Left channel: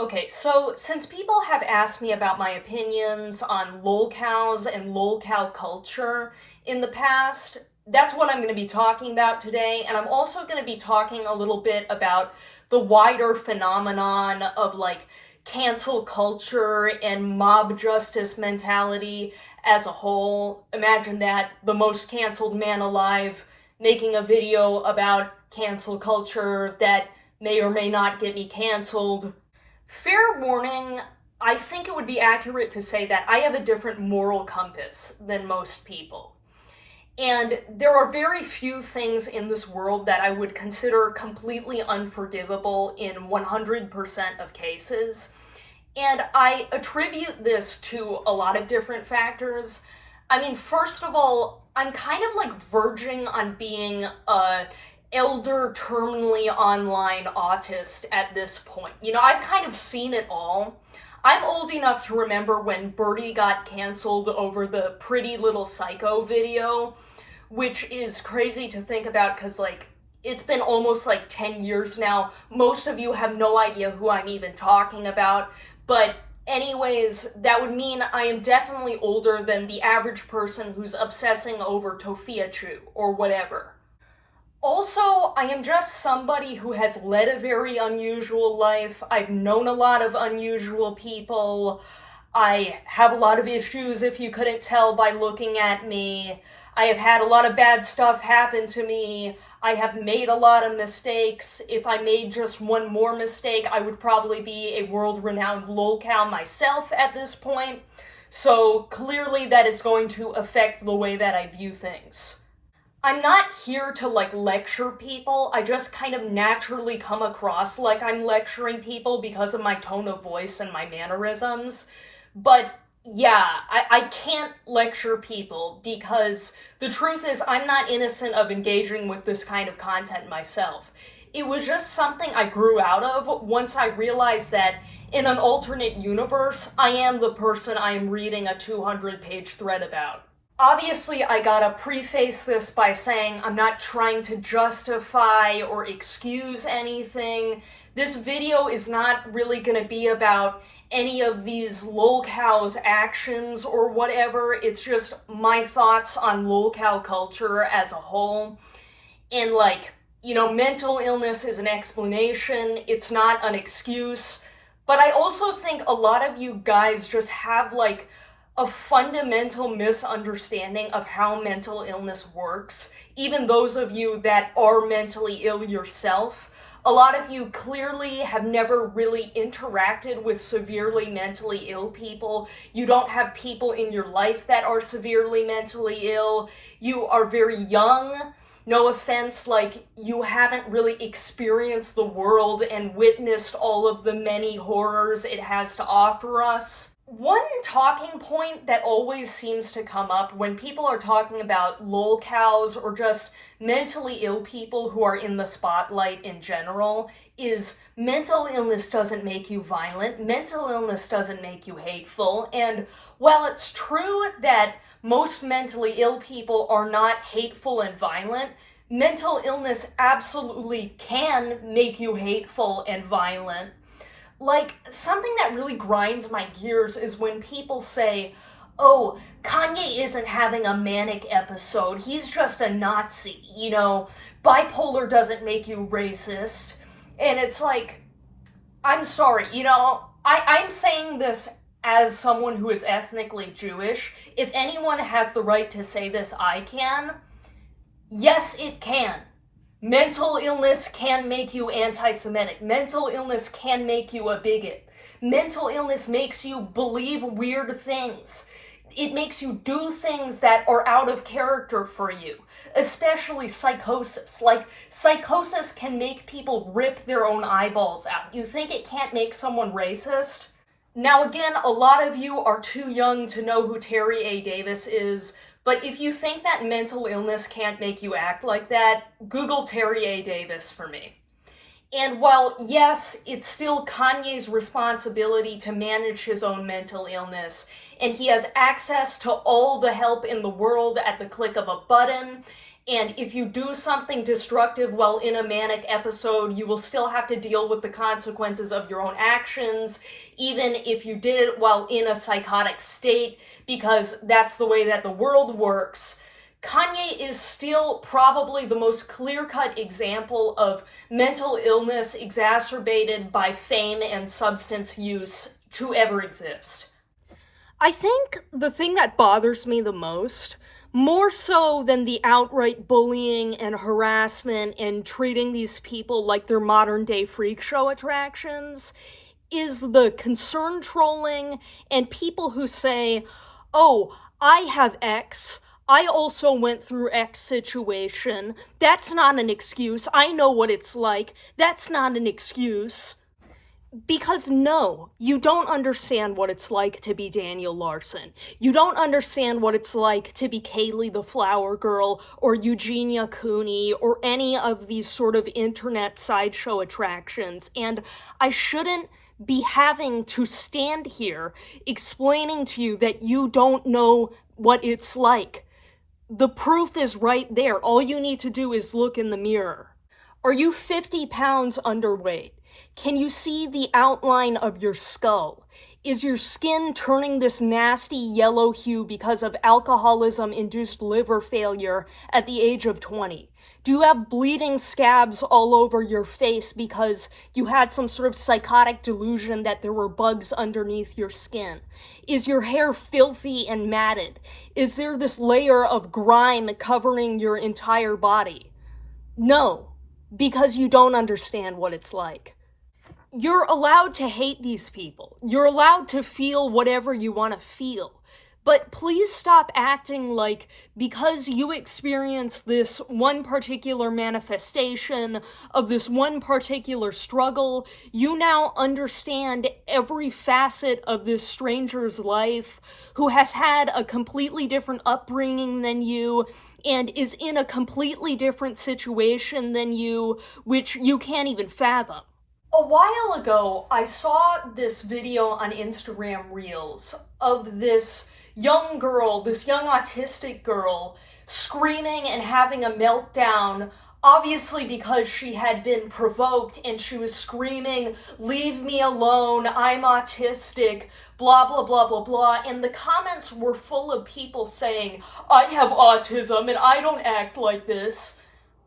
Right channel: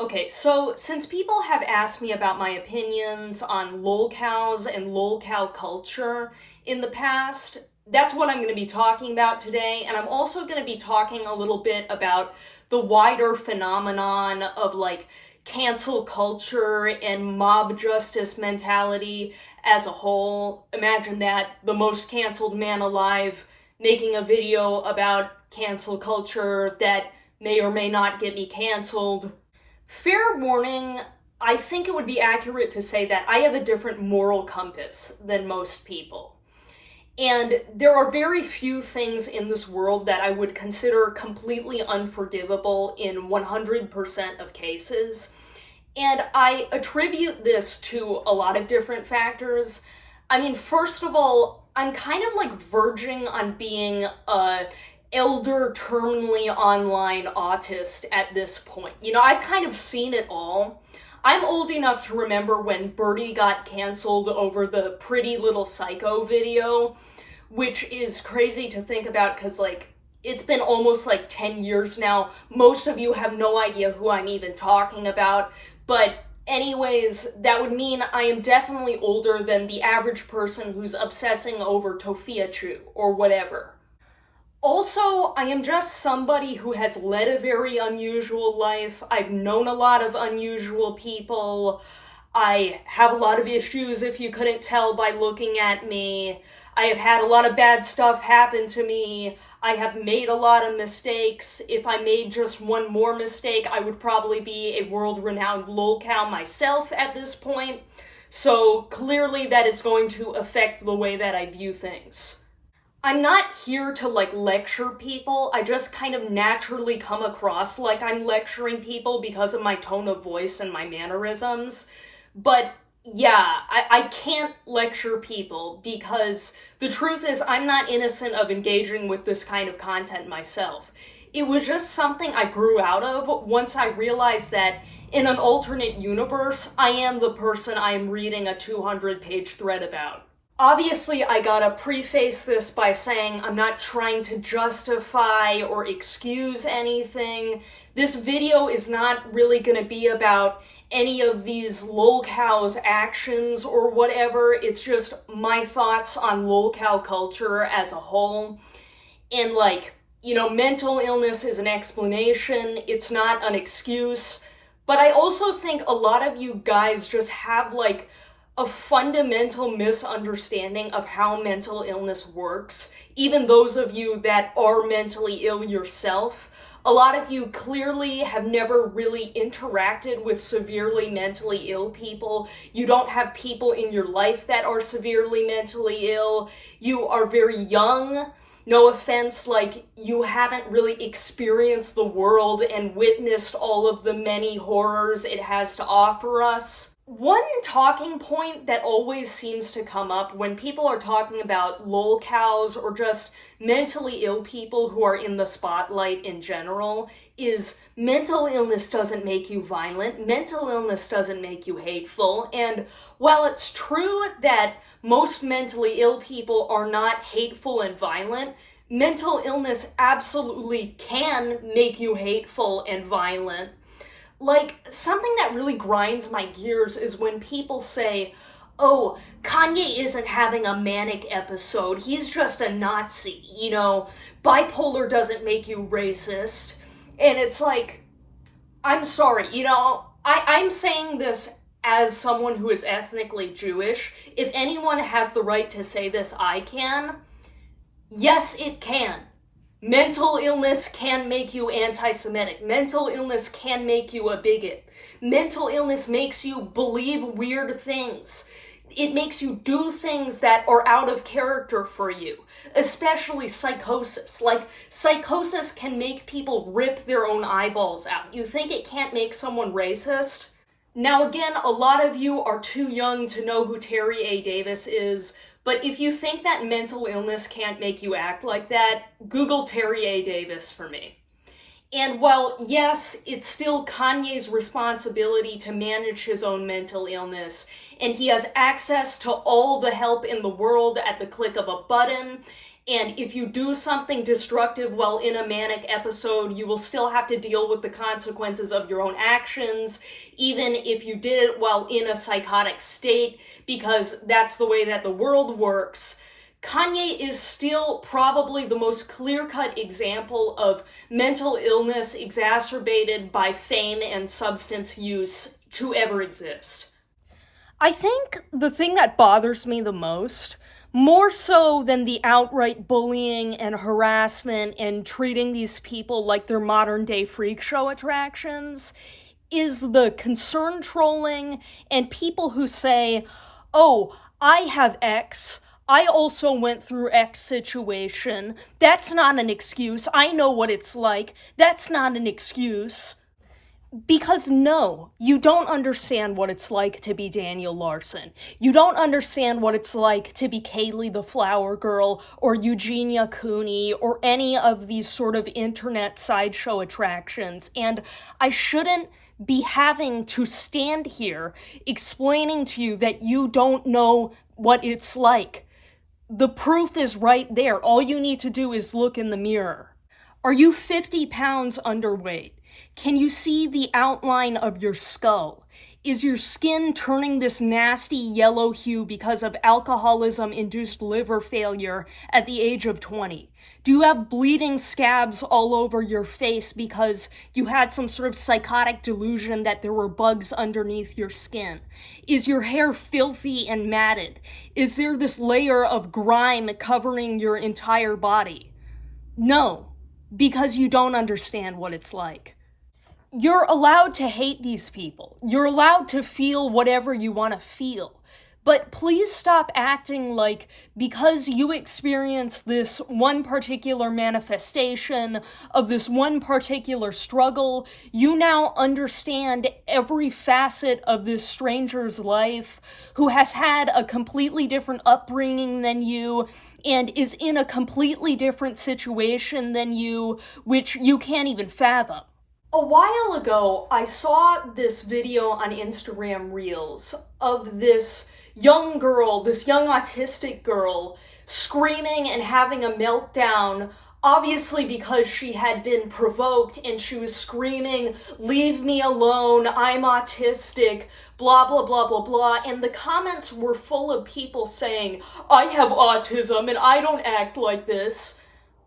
Okay, so since people have asked me about my opinions on lolcows and lolcow culture in the past, that's what I'm going to be talking about today. And I'm also going to be talking a little bit about the wider phenomenon of cancel culture and mob justice mentality as a whole. Imagine that, the most canceled man alive making a video about cancel culture that may or may not get me canceled. Fair warning, I think it would be accurate to say that I have a different moral compass than most people. And there are very few things in this world that I would consider completely unforgivable in 100% of cases. And I attribute this to a lot of different factors. I mean, first of all, I'm kind of verging on being a elder terminally online autist at this point. I've kind of seen it all. I'm old enough to remember when Birdie got canceled over the Pretty Little Psycho video, which is crazy to think about because, it's been almost 10 years now. Most of you have no idea who I'm even talking about. But anyways, that would mean I am definitely older than the average person who's obsessing over Tofiachu or whatever. Also, I am just somebody who has led a very unusual life. I've known a lot of unusual people. I have a lot of issues, if you couldn't tell by looking at me. I have had a lot of bad stuff happen to me. I have made a lot of mistakes. If I made just one more mistake, I would probably be a world-renowned lolcow myself at this point. So clearly that is going to affect the way that I view things. I'm not here to lecture people. I just kind of naturally come across like I'm lecturing people because of my tone of voice and my mannerisms. But yeah, I can't lecture people because the truth is I'm not innocent of engaging with this kind of content myself. It was just something I grew out of once I realized that in an alternate universe, I am the person I am reading a 200-page thread about. Obviously, I gotta preface this by saying I'm not trying to justify or excuse anything. This video is not really gonna be about any of these lolcows' actions or whatever. It's just my thoughts on lolcow culture as a whole. And mental illness is an explanation. It's not an excuse. But I also think a lot of you guys just have a fundamental misunderstanding of how mental illness works. Even those of you that are mentally ill yourself, a lot of you clearly have never really interacted with severely mentally ill people. You don't have people in your life that are severely mentally ill. You are very young. No offense, you haven't really experienced the world and witnessed all of the many horrors it has to offer us. One talking point that always seems to come up when people are talking about lolcows or just mentally ill people who are in the spotlight in general is mental illness doesn't make you violent, mental illness doesn't make you hateful, and while it's true that most mentally ill people are not hateful and violent, mental illness absolutely can make you hateful and violent. Something that really grinds my gears is when people say, oh, Kanye isn't having a manic episode, he's just a Nazi, bipolar doesn't make you racist. And it's I'm sorry, I'm saying this as someone who is ethnically Jewish. If anyone has the right to say this, I can. Yes, it can. Mental illness can make you anti-Semitic. Mental illness can make you a bigot. Mental illness makes you believe weird things. It makes you do things that are out of character for you, especially psychosis. Psychosis can make people rip their own eyeballs out. You think it can't make someone racist? Now again, a lot of you are too young to know who Terry A. Davis is, but if you think that mental illness can't make you act like that, Google Terry A. Davis for me. And while, yes, it's still Kanye's responsibility to manage his own mental illness, and he has access to all the help in the world at the click of a button, and if you do something destructive while in a manic episode, you will still have to deal with the consequences of your own actions, even if you did it while in a psychotic state, because that's the way that the world works. Kanye is still probably the most clear-cut example of mental illness exacerbated by fame and substance use to ever exist. I think the thing that bothers me the most, more so than the outright bullying and harassment and treating these people like they're modern-day freak show attractions, is the concern trolling and people who say, oh, I have X, I also went through X situation, that's not an excuse, I know what it's like, that's not an excuse. Because no, you don't understand what it's like to be Daniel Larson. You don't understand what it's like to be Kaylee the Flower Girl or Eugenia Cooney or any of these sort of internet sideshow attractions. And I shouldn't be having to stand here explaining to you that you don't know what it's like. The proof is right there. All you need to do is look in the mirror. Are you 50 pounds underweight? Can you see the outline of your skull? Is your skin turning this nasty yellow hue because of alcoholism-induced liver failure at the age of 20? Do you have bleeding scabs all over your face because you had some sort of psychotic delusion that there were bugs underneath your skin? Is your hair filthy and matted? Is there this layer of grime covering your entire body? No, because you don't understand what it's like. You're allowed to hate these people. You're allowed to feel whatever you want to feel. But please stop acting like because you experience this one particular manifestation of this one particular struggle, you now understand every facet of this stranger's life who has had a completely different upbringing than you and is in a completely different situation than you, which you can't even fathom. A while ago, I saw this video on Instagram Reels of this young girl, this young autistic girl, screaming and having a meltdown, obviously because she had been provoked and she was screaming, "Leave me alone, I'm autistic, blah, blah, blah, blah, blah." And the comments were full of people saying, "I have autism and I don't act like this."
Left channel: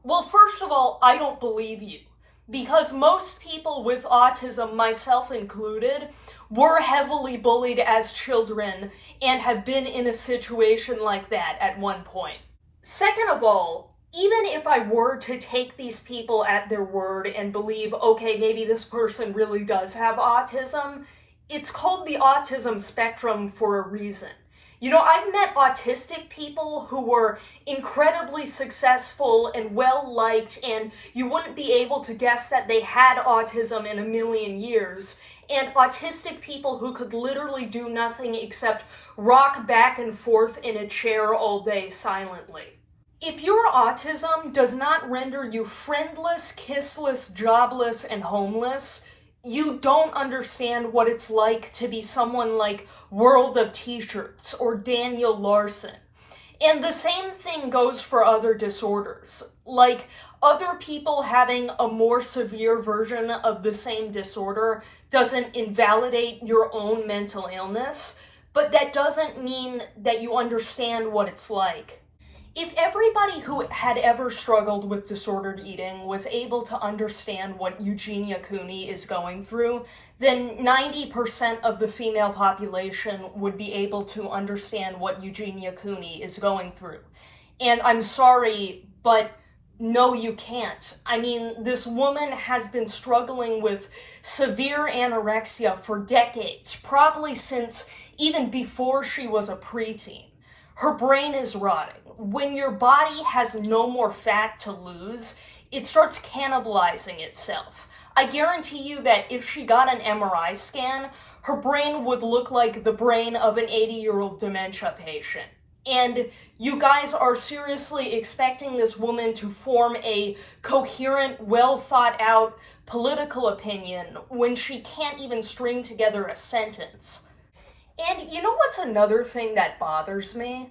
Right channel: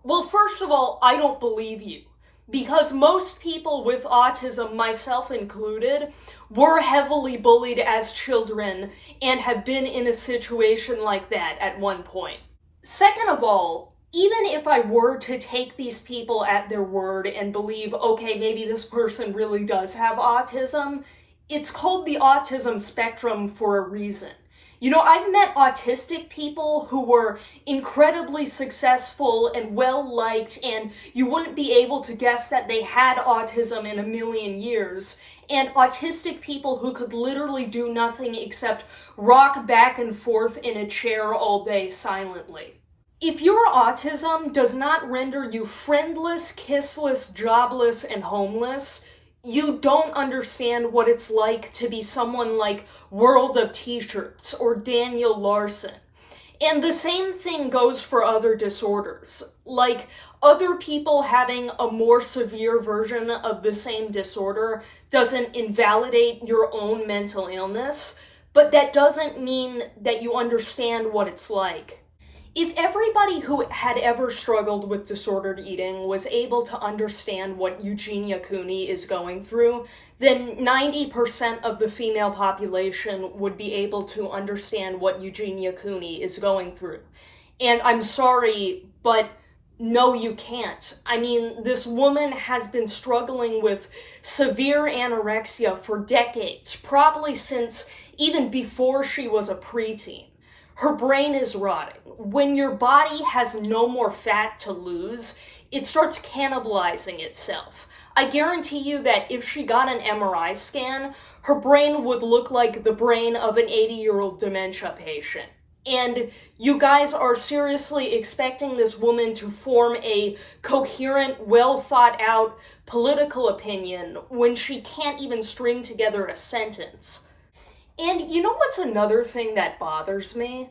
Well, first of all, I don't believe you. Because most people with autism, myself included, were heavily bullied as children and have been in a situation like that at one point. Second of all, even if I were to take these people at their word and believe, okay, maybe this person really does have autism, it's called the autism spectrum for a reason. You know, I've met autistic people who were incredibly successful and well-liked, and you wouldn't be able to guess that they had autism in a million years, and autistic people who could literally do nothing except rock back and forth in a chair all day silently. If your autism does not render you friendless, kissless, jobless, and homeless, you don't understand what it's like to be someone like World of T-Shirts or Daniel Larson. And the same thing goes for other disorders. Like, other people having a more severe version of the same disorder doesn't invalidate your own mental illness, but that doesn't mean that you understand what it's like. If everybody who had ever struggled with disordered eating was able to understand what Eugenia Cooney is going through, then 90% of the female population would be able to understand what Eugenia Cooney is going through. And I'm sorry, but no, you can't. I mean, this woman has been struggling with severe anorexia for decades, probably since even before she was a preteen. Her brain is rotting. When your body has no more fat to lose, it starts cannibalizing itself. I guarantee you that if she got an MRI scan, her brain would look like the brain of an 80-year-old dementia patient. And you guys are seriously expecting this woman to form a coherent, well-thought-out political opinion when she can't even string together a sentence. And you know what's another thing that bothers me?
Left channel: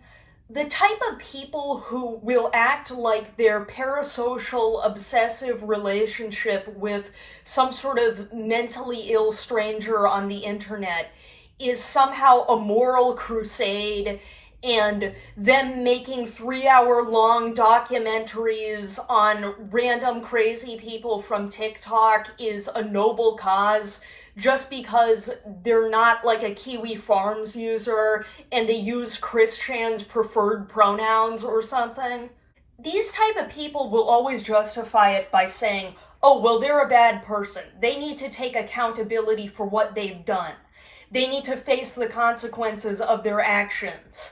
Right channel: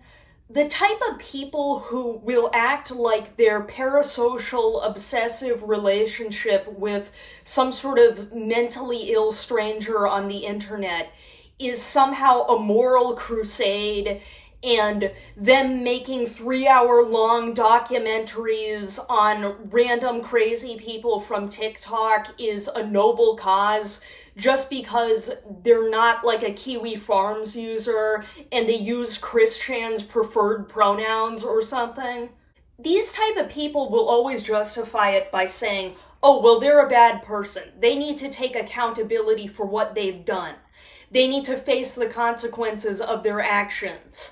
The type of people who will act like their parasocial obsessive relationship with some sort of mentally ill stranger on the internet is somehow a moral crusade, and them making 3-hour long documentaries on random crazy people from TikTok is a noble cause just because they're not like a Kiwi Farms user and they use Christian's preferred pronouns or something. These type of people will always justify it by saying, oh, well, they're a bad person. They need to take accountability for what they've done. They need to face the consequences of their actions.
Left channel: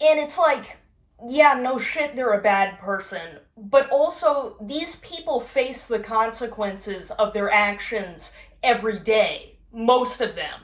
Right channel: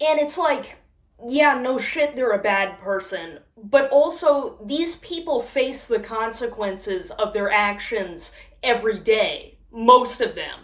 And it's like, yeah, no shit, they're a bad person. But also, these people face the consequences of their actions every day. Most of them.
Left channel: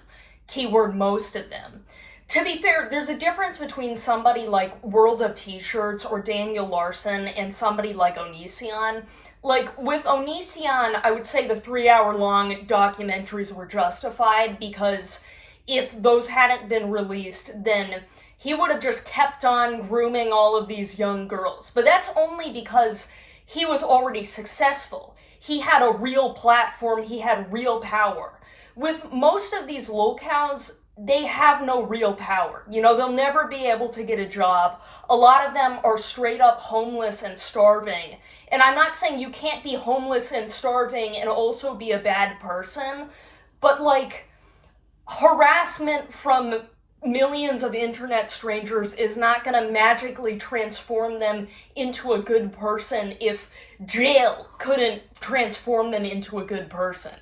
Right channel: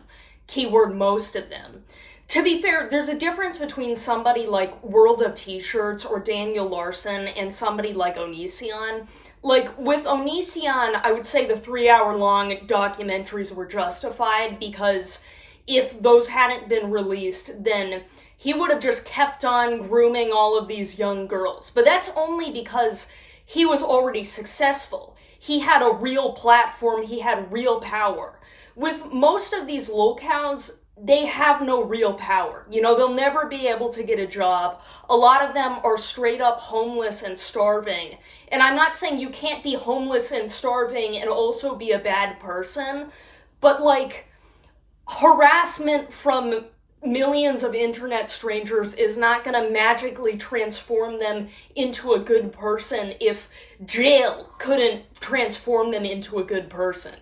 Keyword most of them. To be fair, there's a difference between somebody like World of T-Shirts or Daniel Larson and somebody like Onision. Like, with Onision, I would say the 3-hour long documentaries were justified because if those hadn't been released, then he would have just kept on grooming all of these young girls. But that's only because he was already successful. He had a real platform, he had real power. With most of these lolcows, they have no real power. You know, they'll never be able to get a job. A lot of them are straight up homeless and starving. And I'm not saying you can't be homeless and starving and also be a bad person, but like, harassment from millions of internet strangers is not going to magically transform them into a good person if jail couldn't transform them into a good person.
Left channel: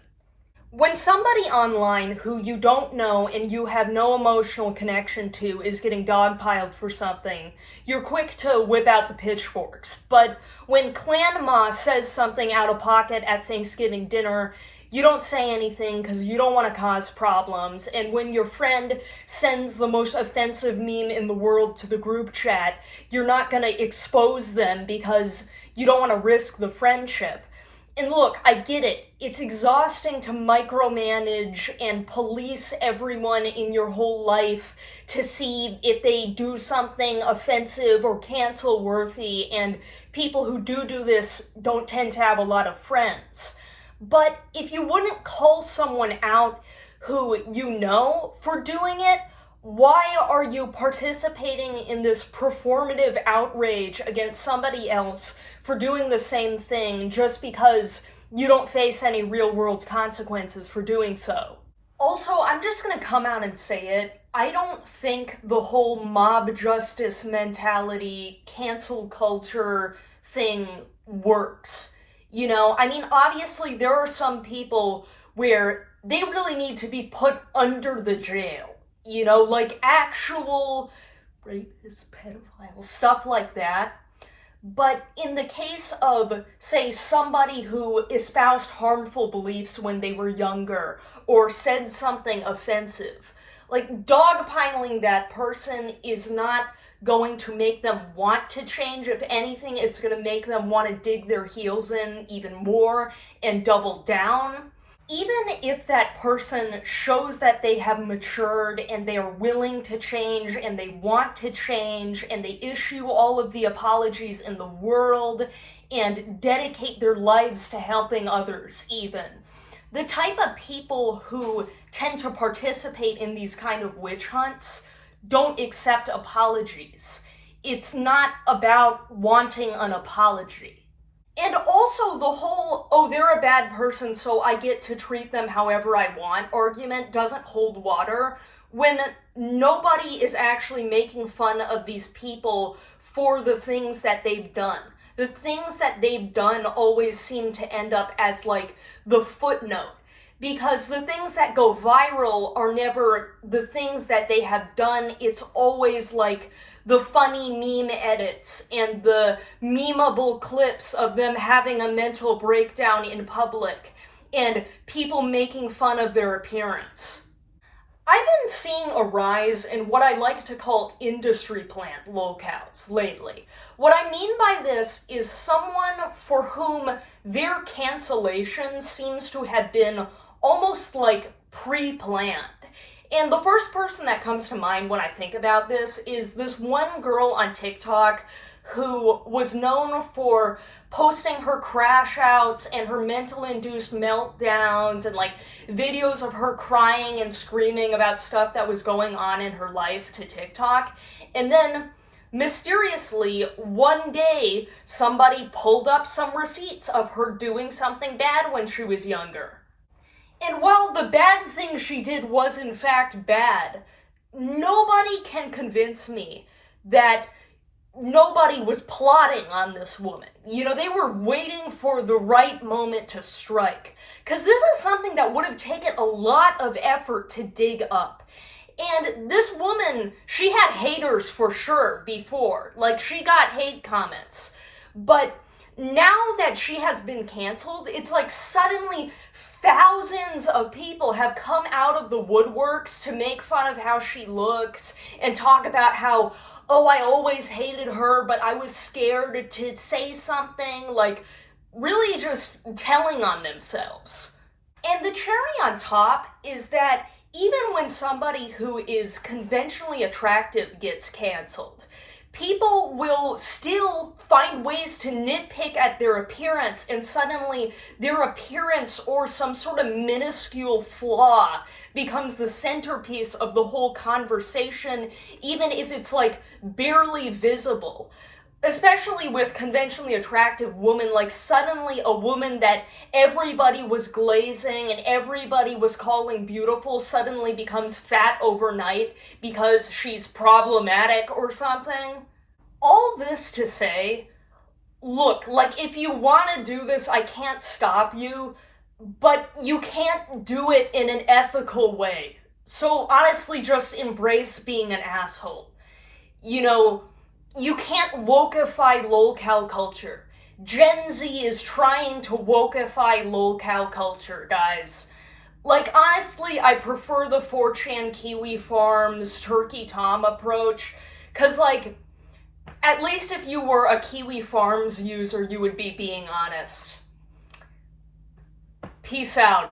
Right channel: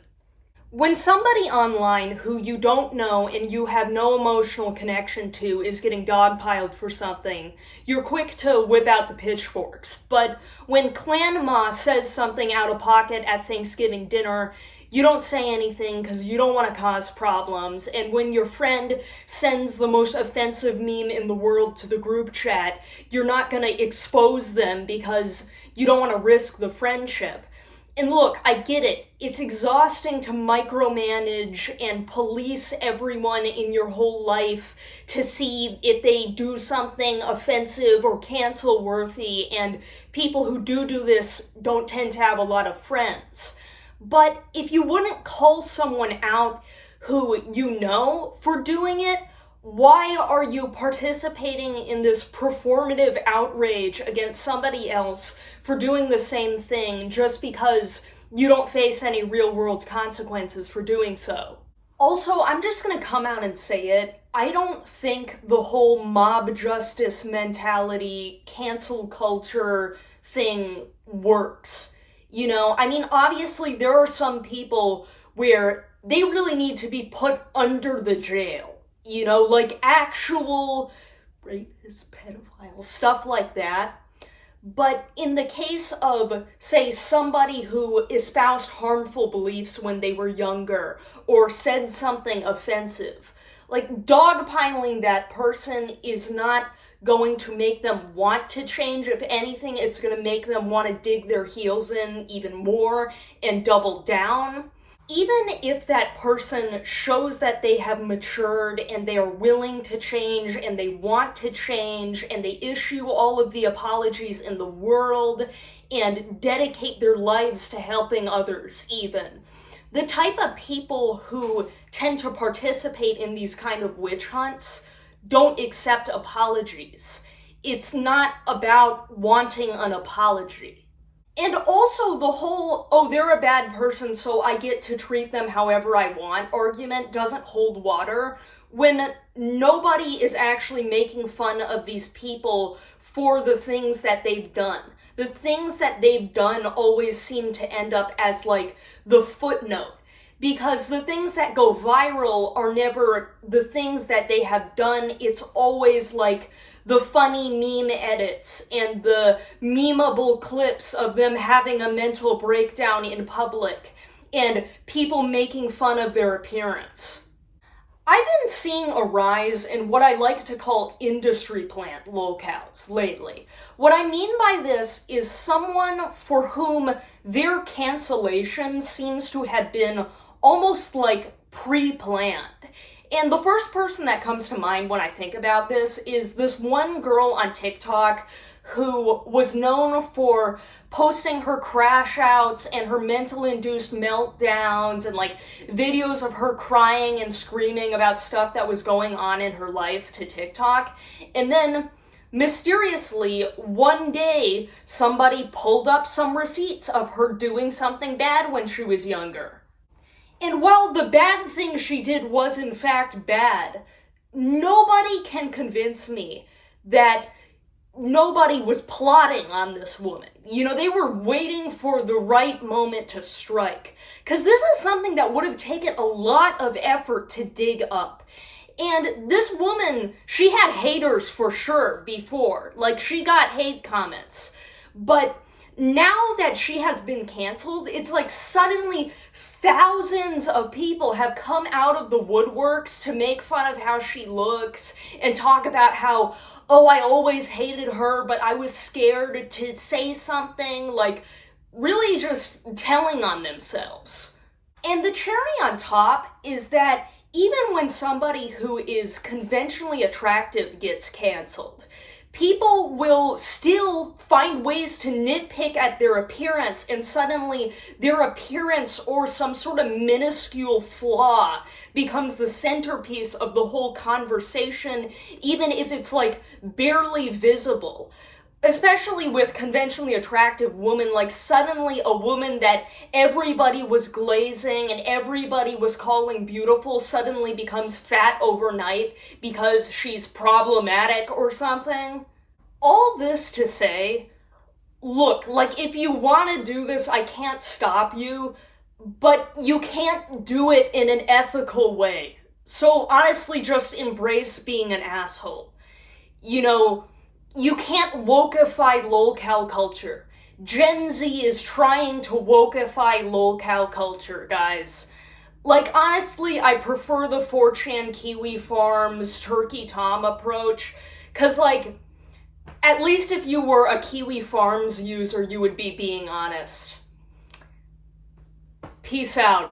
When somebody online who you don't know and you have no emotional connection to is getting dogpiled for something, you're quick to whip out the pitchforks. But when Clan Ma says something out of pocket at Thanksgiving dinner, you don't say anything because you don't want to cause problems. And when your friend sends the most offensive meme in the world to the group chat, you're not going to expose them because you don't want to risk the friendship. And look, I get it. It's exhausting to micromanage and police everyone in your whole life to see if they do something offensive or cancel-worthy, and people who do this don't tend to have a lot of friends. But if you wouldn't call someone out who you know for doing it, why are you participating in this performative outrage against somebody else for doing the same thing just because you don't face any real-world consequences for doing so? Also, I'm just gonna come out and say it. I don't think the whole mob justice mentality, cancel culture thing works. You know, I mean, obviously there are some people where they really need to be put under the jail. You know, like actual rapists, pedophiles, stuff like that. But in the case of, say, somebody who espoused harmful beliefs when they were younger or said something offensive, like dogpiling that person is not going to make them want to change. If anything, it's going to make them want to dig their heels in even more and double down. Even if that person shows that they have matured and they are willing to change and they want to change and they issue all of the apologies in the world and dedicate their lives to helping others even, the type of people who tend to participate in these kind of witch hunts don't accept apologies. It's not about wanting an apology. And also the whole, oh, they're a bad person, so I get to treat them however I want argument doesn't hold water when nobody is actually making fun of these people for the things that they've done. The things that they've done always seem to end up as like the footnote, because the things that go viral are never the things that they have done. It's always like the funny meme edits and the memeable clips of them having a mental breakdown in public and people making fun of their appearance. I've been seeing a rise in what I like to call industry plant lolcows lately. What I mean by this is someone for whom their cancellation seems to have been almost like pre-planned. And the first person that comes to mind when I think about this is this one girl on TikTok who was known for posting her crash outs and her mental induced meltdowns and like videos of her crying and screaming about stuff that was going on in her life to TikTok. And then mysteriously, one day, somebody pulled up some receipts of her doing something bad when she was younger. And while the bad thing she did was in fact bad, nobody can convince me that nobody was plotting on this woman. You know, they were waiting for the right moment to strike. Because this is something that would have taken a lot of effort to dig up. And this woman, she had haters for sure before. Like, she got hate comments. But now that she has been canceled, it's like suddenly thousands of people have come out of the woodworks to make fun of how she looks and talk about how, oh, I always hated her, but I was scared to say something, like really just telling on themselves. And the cherry on top is that even when somebody who is conventionally attractive gets canceled, people will still find ways to nitpick at their appearance, and suddenly their appearance or some sort of minuscule flaw becomes the centerpiece of the whole conversation, even if it's like barely visible. Especially with conventionally attractive women, like suddenly a woman that everybody was glazing and everybody was calling beautiful suddenly becomes fat overnight because she's problematic or something. All this to say, look, like if you want to do this, I can't stop you, but you can't do it in an ethical way. So honestly, just embrace being an asshole. You know, you can't wokeify lolcow culture. Gen Z is trying to wokeify lolcow culture, guys. Like, honestly, I prefer the 4chan Kiwi Farms Turkey Tom approach, because, like, at least if you were a Kiwi Farms user, you would be being honest. Peace out.